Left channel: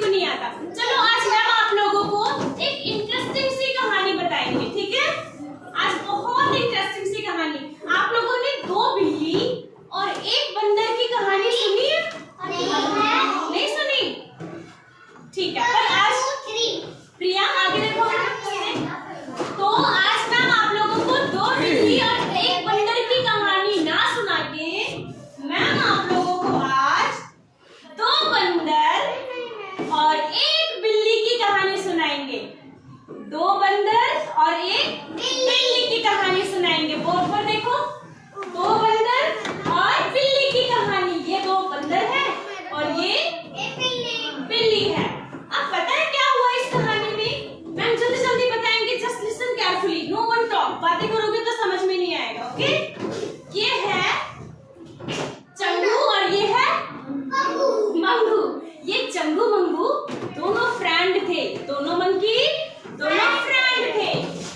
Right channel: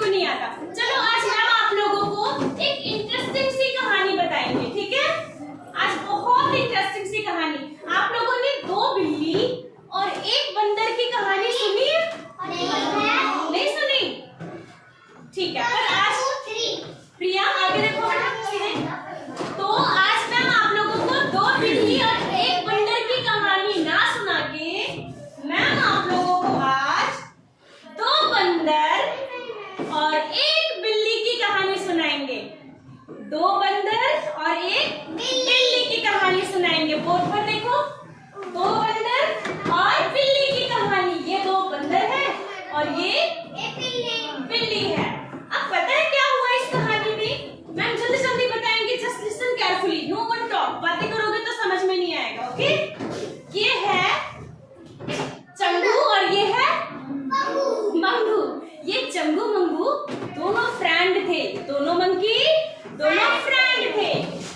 को नहीं आता। चलो आज मैम आप लोगों को एक इंटरेस्टिंग सी कहानी बताएंगे, ठीक है? आज बहुत इंटरेस्टिंग सी कहानी। आप लोगों ने 2 बिल्ली और 1 बंदर की कहानी सुनी है? नहीं सुनी? ठीक है, पर आज प्रिया आगे देखो। तो आज मैम आप लोगों को 2 बिल्ली और 1 बंदर की कहानी ना सुना के मैम आप लोगों को आज 2 बंदर और 1 बिल्ली की कहानी सुनाएंगे। 2 बंदर और 1 बिल्ली की कहानी सुनाएंगे। बोर्ड पर देखो, 2 बंदर और बिल्ली की कहानी। ये 2 बंदर है और ये बिल्ली है। अब पता है क्या हुआ इस कहानी में? मैम जल्दी जल्दी बताएंगे। Just listen carefully, no one talk. बातें करोगे तो समझ में नहीं आएगा, ओके? ये है चंगू और ये है मंगू। ये चंगू मंगू दोनों फ्रेंड थे। दोनों मंकी दोनों फ्रेंड थे।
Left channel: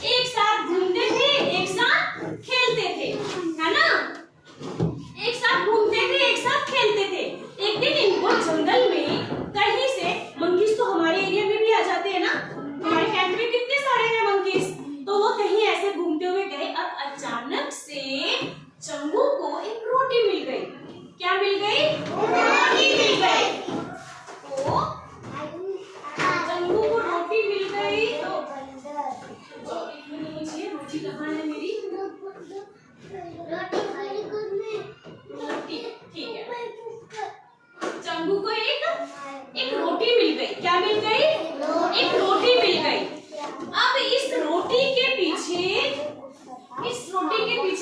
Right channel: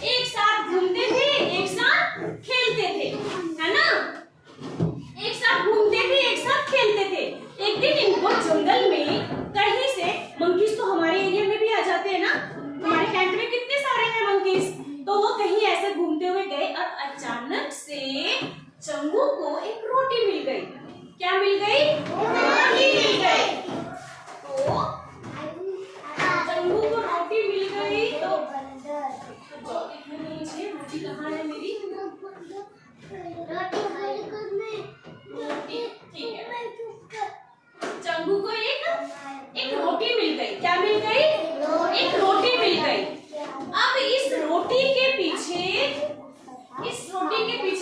एक साथ घूमते थे, एक साथ खेलते थे, है ना? एक साथ घूमते थे, एक साथ खेलते थे। एक दिन इनको जंगल में कहीं से, मंकीज तो हमारे एरिया में भी आ जाते हैं ना, हमारे कैंट में कितने सारे हैं मंकीज। तो वो कहीं ऐसे घूमते हुए गए और अचानक से चंगू को एक रोटी मिल गई। क्या मिल गई? रोटी मिल गई। तो चंगू को रोटी मिल गई तो रोटी कहाँ है मेरी? रोटी, ठीक है। चंगू को एक रोटी मिल गई। क्या मिल गई? एक रोटी मिल गई। अब इस रोटी के पीछे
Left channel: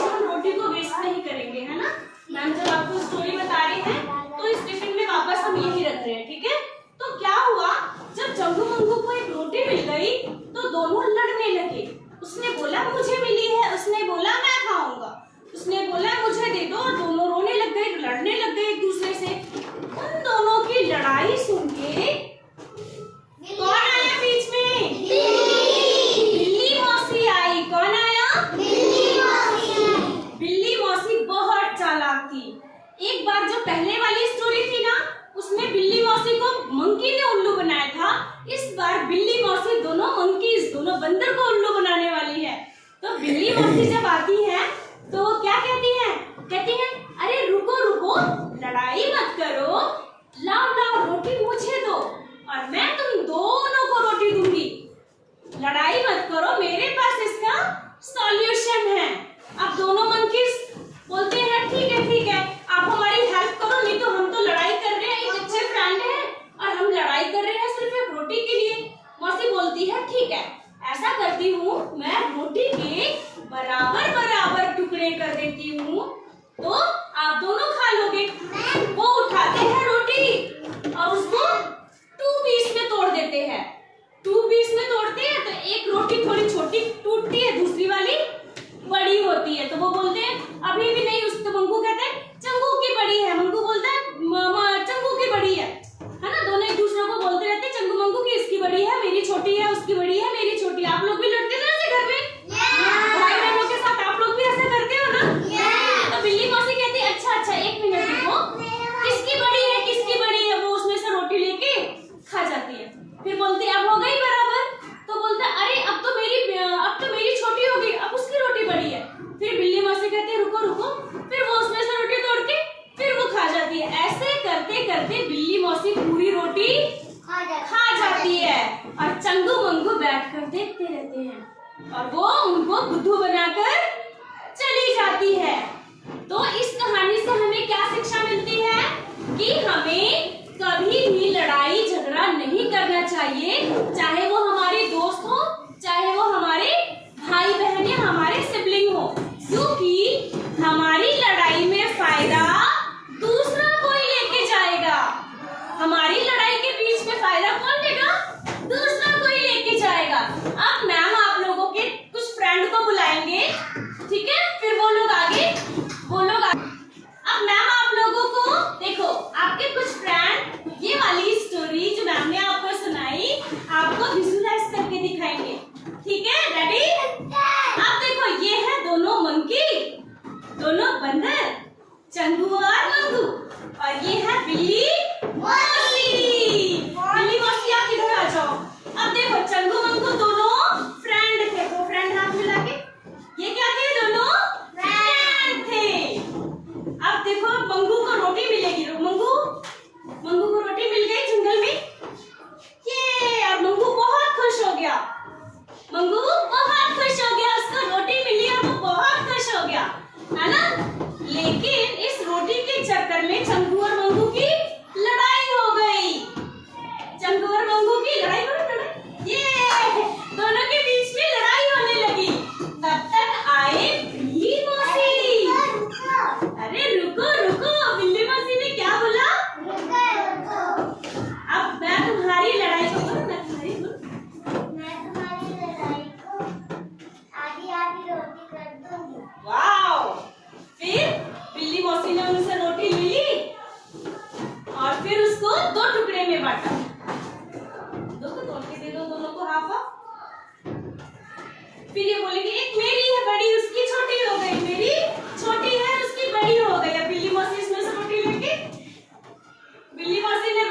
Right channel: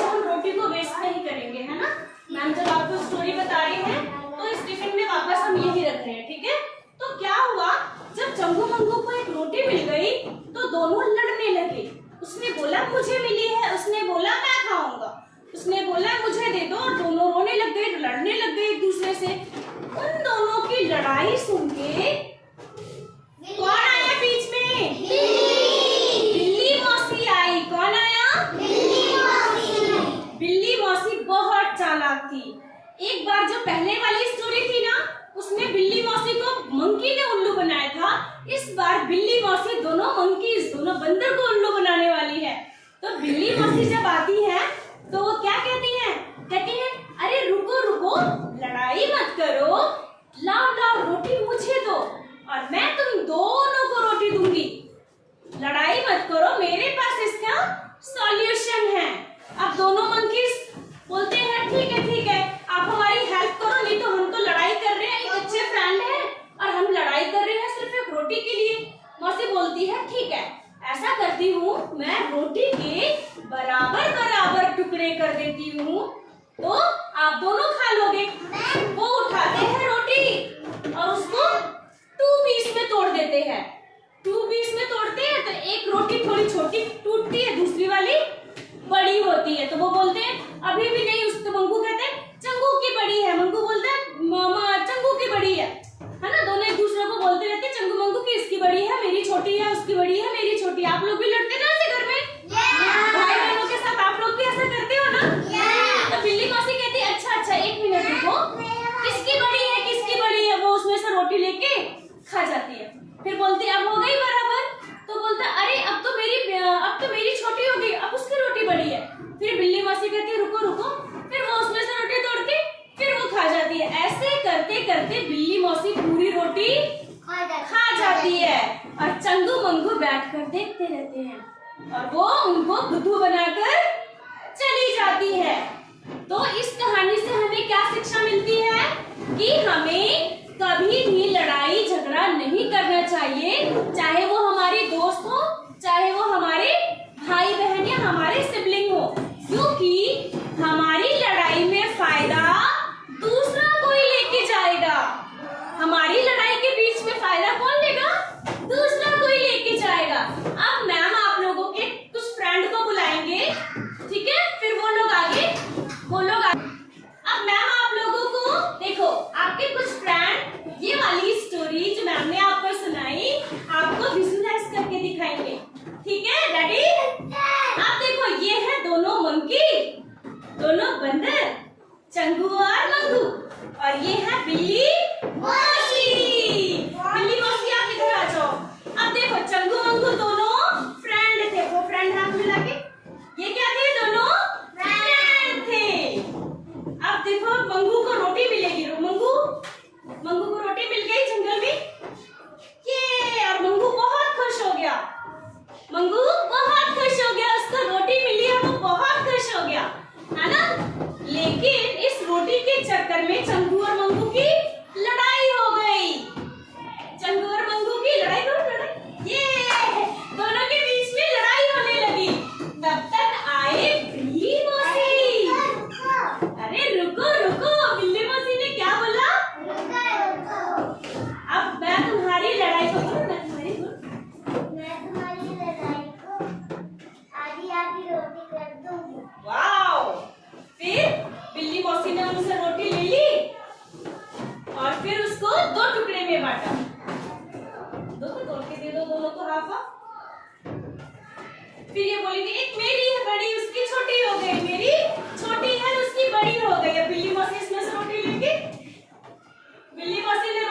हम रोटी को वेस्ट नहीं करेंगे, है ना? मैम जब आपको स्टोरी बता रहे हैं तो इस टिफिन में वापस हम यही रख रहे हैं, ठीक है? तो क्या हुआ, जब चंगू मंगू को एक रोटी मिल गई तो दोनों लड़ने लगे। उसने बोला मुझे मिली है, उसने बोला मैं खाऊंगा, उसने बोला मुझे दे दो, और दोनों रोने लग गए, लड़ने लग गए एक दूसरे से। उन दोनों की लड़ाई सुन के कौन आया बीच में? बिल्ली मौसी आई। कौन आया? बिल्ली मौसी बहुत चालाक थी। एक बार जो पहले वाली स्टोरी थी ना, उसमें बिल्ली मौसी को मंकी ने उल्लू बनाया था। इस बार बिल्ली मौसी दोनों बंदर को उल्लू बनाने वाली है। तो बिल्ली मौसी जब आती है तो वो क्या कहती है? कहती है अरे रुको रुको, लड़ाई मत करो, लाओ रोटी मुझे दो और मैं तुम दोनों को रोटी दूंगी। लड़ाई मत करो, मेरे पास इसका सॉल्यूशन है। अब दोनों मंकीज बोलते हैं ठीक है, आप हमारी हेल्प करो, नहीं तो हम तो लड़ाई कर रहे हैं, एक अच्छे फ्रेंड हैं और हम लड़ाई कर रहे हैं सिर्फ एक रोटी के लिए। मौसी बोलती है ठीक है, ऐसा करती हूँ, मैं रोटी के बराबर टुकड़े कर देती हूँ, तो आप दोनों खा लोगे। वो उठाते हैं रोटी और उसको 2 पीस में तोड़ देते हैं। 2 पीस में तोड़ते हैं तो एक रोटी थोड़ी छोटी टूटती है, दूसरी वाली बड़ी होती है। तो वो बोलते हैं अभी भी नहीं, उसको मंगू कहते हैं चंगू की बड़ी है, मंगू बोलता है चंगू की बड़ी है ना? दोनों एक दूसरे को बोलते रहते हैं चंगू मंगू की, इसकी बड़ी है, मेरी छोटी है, उसकी बड़ी है, मेरी छोटी है। आप लोग भी लड़ते ना ऐसे घर में? भाई बहनों के साथ आप लोग भी ऐसा करते हो ना? तो बिल्ली मौसी कहती है अच्छा 1 मिनट रुको, किसकी बड़ी है? वो उसमें से रोटी लेके खा जाती है। फिर बोलती है अब हो गई बराबर। तो बोलता है अरे अब तो मेरी छोटी हो गई, अब उसकी रोटी बड़ी है। फिर बिल्ली मौसी कहती है रुको, फिर वो उसमें से रोटी तोड़ के फिर वो खा जाती है। ऐसे करते करते बिल्ली मौसी पूरी रोटी खा जाती है और चंगू मंगू बैठकर देखते रहते हैं और वो उनको बुद्धू बनाकर चली जाती है। तो इस कहानी से हमें क्या शिक्षा मिलती है कि हमें कभी भी लड़ाई झगड़ा नहीं करना चाहिए, चाहे वो हमारे दोस्त हो, चाहे वो हमारे भाई बहन या हमारे सिबलिंग हो, क्योंकि हमारी लड़ाई में फायदा दूसरा कोई लेके जाएगा। हमारी लड़ाई के बीच में फायदा कौन लेगा? दूसरा कोई लेके जाएगा। अब मैम आप लोगों के कुछ फ्रेंड को बुलाएंगे, ठीक है? फिर वो लोग आगे। अब मैम आप लोगों को देखो, आपके कुछ फ्रेंड ये वाली स्टोरी बांटा। दो तो तोड़ के दे दो दोनों को हाफ हाफ। फिर ये बोलेंगे एक मेरी है बड़ी, उसकी छोटी हो गई, मेरी छोटी है उसकी बड़ी हो गई। अब बिल्ली मौसी इसमें से रोटी लेंगे, बिल्ली मौसी ने